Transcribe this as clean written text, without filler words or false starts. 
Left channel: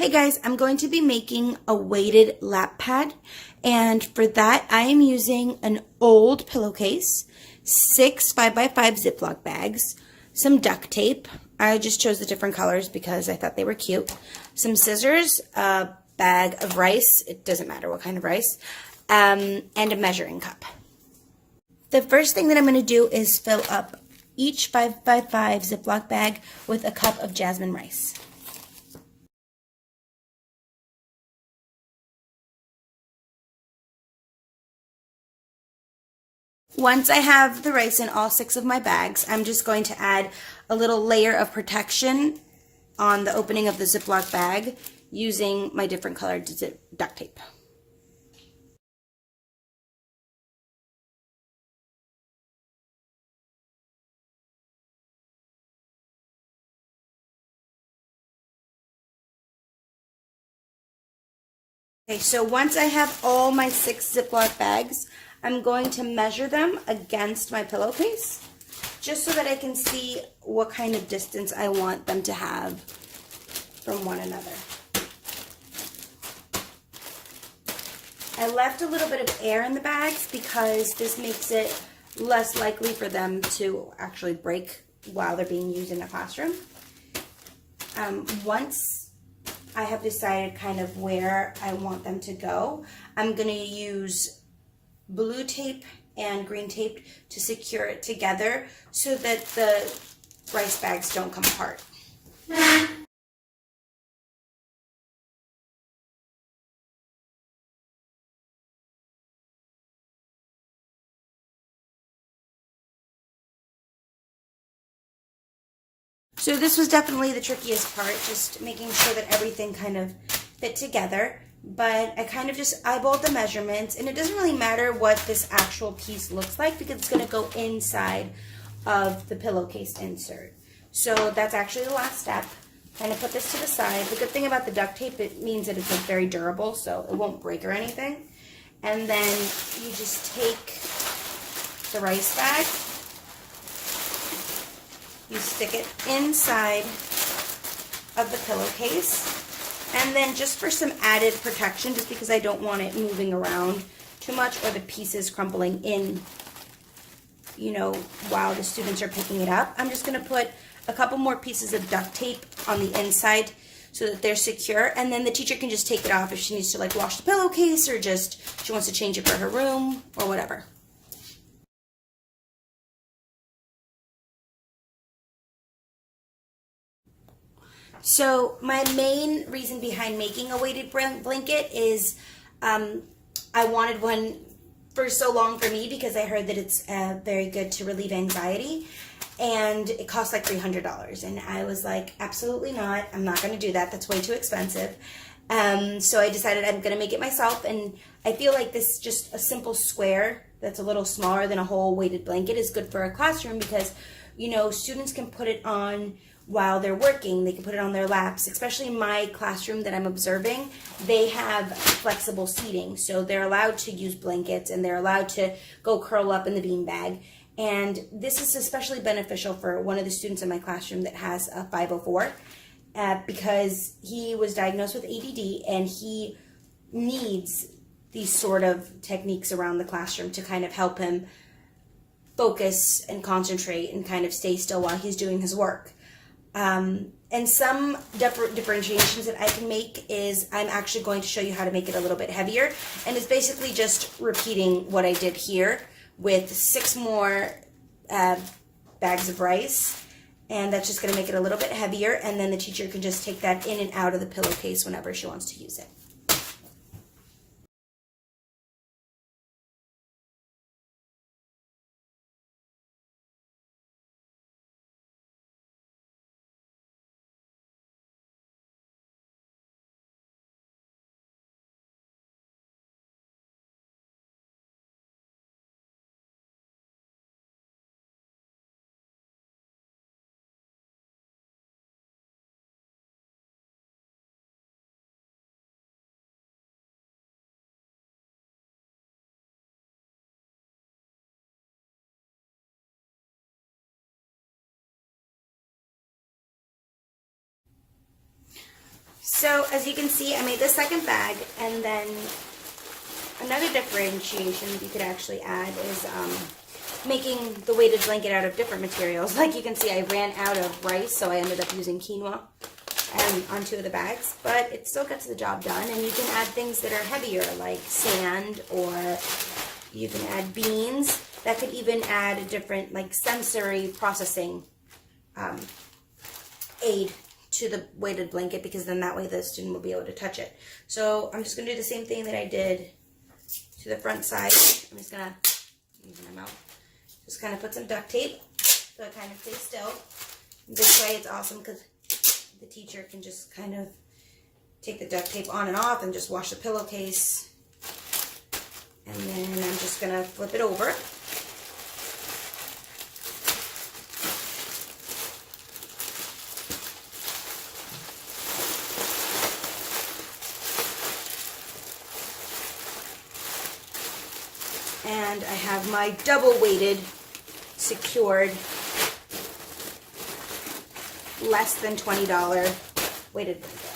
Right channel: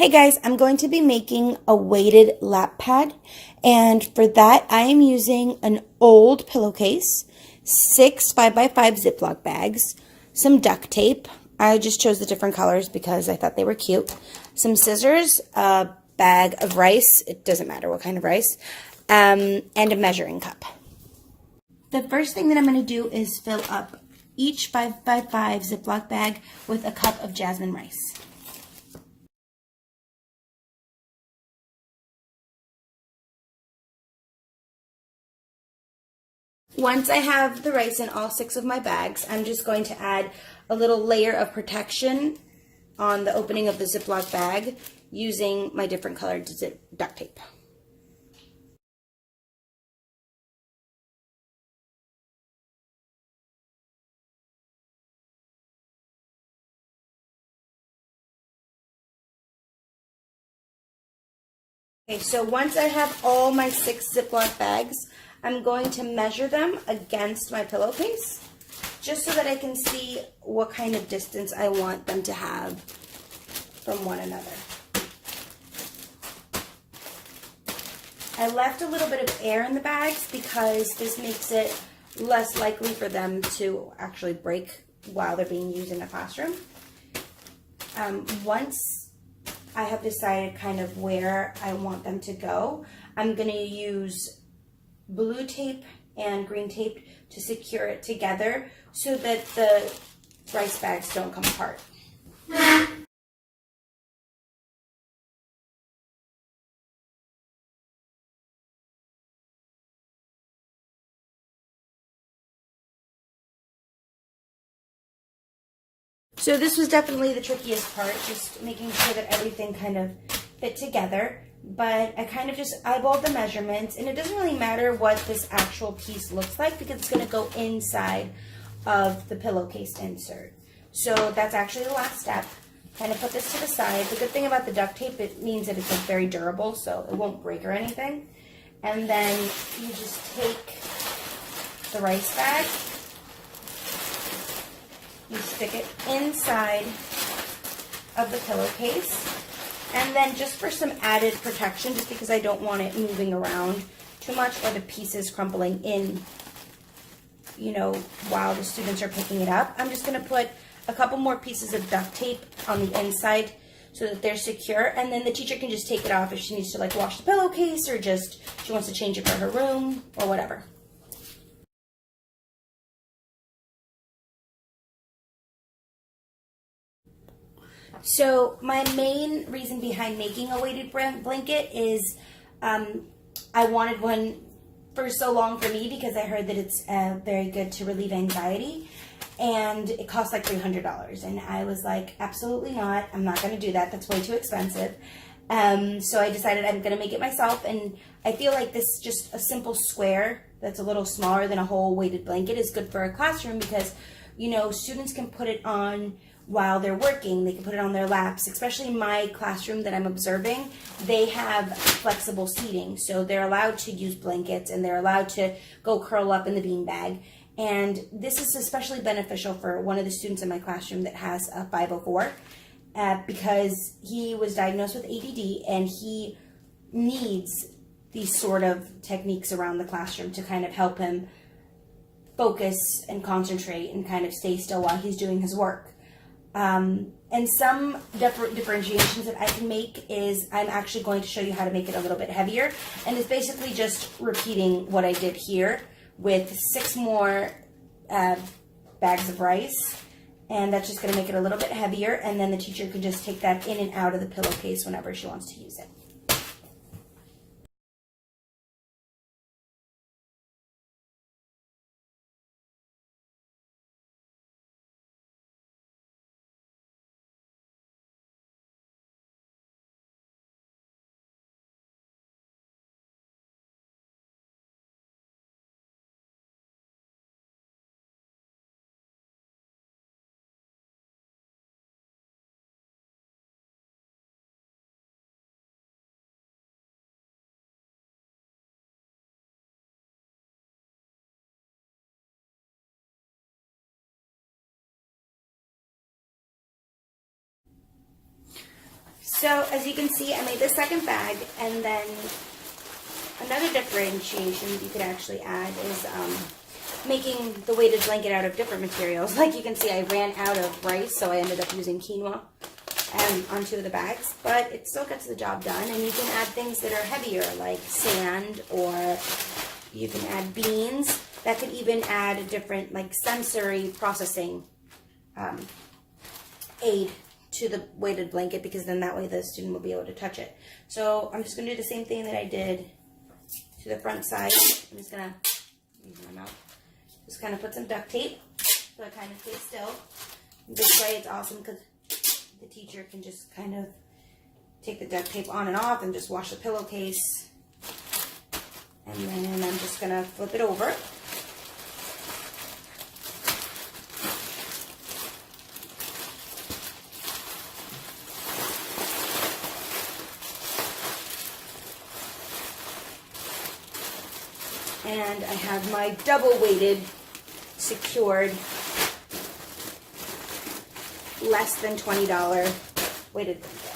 Hey guys, I'm going to be making a weighted lap pad, and for that I am using an old pillowcase, 6 5x5 Ziploc bags, some duct tape. I just chose the different colors because I thought they were cute. Some scissors, a bag of rice, it doesn't matter what kind of rice, and a measuring cup. The first thing that I'm going to do is fill up each 5x5 Ziploc bag with a cup of jasmine rice. Once I have the rice in all 6 of my bags, I'm just going to add a little layer of protection on the opening of the Ziploc bag using my different colored duct tape. Okay, so once I have all my 6 Ziploc bags, I'm going to measure them against my pillowcase just so that I can see what kind of distance I want them to have from one another. I left a little bit of air in the bags because this makes it less likely for them to actually break while they're being used in a classroom. Once I have decided kind of where I want them to go, I'm going to use blue tape and green tape to secure it together so that the rice bags don't come apart. So this was definitely the trickiest part, just making sure that everything kind of fit together. But I kind of just eyeballed the measurements, and it doesn't really matter what this actual piece looks like because it's going to go inside of the pillowcase insert. So that's actually the last step. Kind of put this to the side. The good thing about the duct tape, it means that it's like very durable, so it won't break or anything. And then you just take the rice bag, you stick it inside of the pillowcase, and then just for some added protection, just because I don't want it moving around too much or the pieces crumbling in, you know, while the students are picking it up, I'm just going to put a couple more pieces of duct tape on the inside so that they're secure, and then the teacher can just take it off if she needs to like wash the pillowcase or just she wants to change it for her room or whatever. So my main reason behind making a weighted blanket is I wanted one for so long for me because I heard that it's very good to relieve anxiety, and it costs like $300, and I was like, absolutely not, I'm not going to do that, that's way too expensive. So I decided I'm going to make it myself, and I feel like this just a simple square that's a little smaller than a whole weighted blanket is good for a classroom because, you know, students can put it on while they're working. They can put it on their laps, especially in my classroom that I'm observing. They have flexible seating, so they're allowed to use blankets and they're allowed to go curl up in the beanbag. And this is especially beneficial for one of the students in my classroom that has a 504 because he was diagnosed with ADD and he needs these sort of techniques around the classroom to kind of help him focus and concentrate and kind of stay still while he's doing his work. And some differentiations that I can make is I'm actually going to show you how to make it a little bit heavier, and it's basically just repeating what I did here with 6 more bags of rice, and that's just going to make it a little bit heavier, and then the teacher can just take that in and out of the pillowcase whenever she wants to use it. So as you can see, I made the second bag, and then another differentiation you could actually add is making the weighted blanket out of different materials. Like you can see, I ran out of rice, so I ended up using quinoa on 2 of the bags, but it still gets the job done. And you can add things that are heavier, like sand, or you can add beans. That could even add a different, like, sensory processing aid to the weighted blanket, because then that way the student will be able to touch it. So I'm just going to do the same thing that I did to the front side. I'm just going to use my mouth. Just kind of put some duct tape so it kind of stays still. This way it's awesome because the teacher can just kind of take the duct tape on and off and just wash the pillowcase. And then I'm just going to flip it over. And I have my double weighted, secured, less than $20 weighted blanket.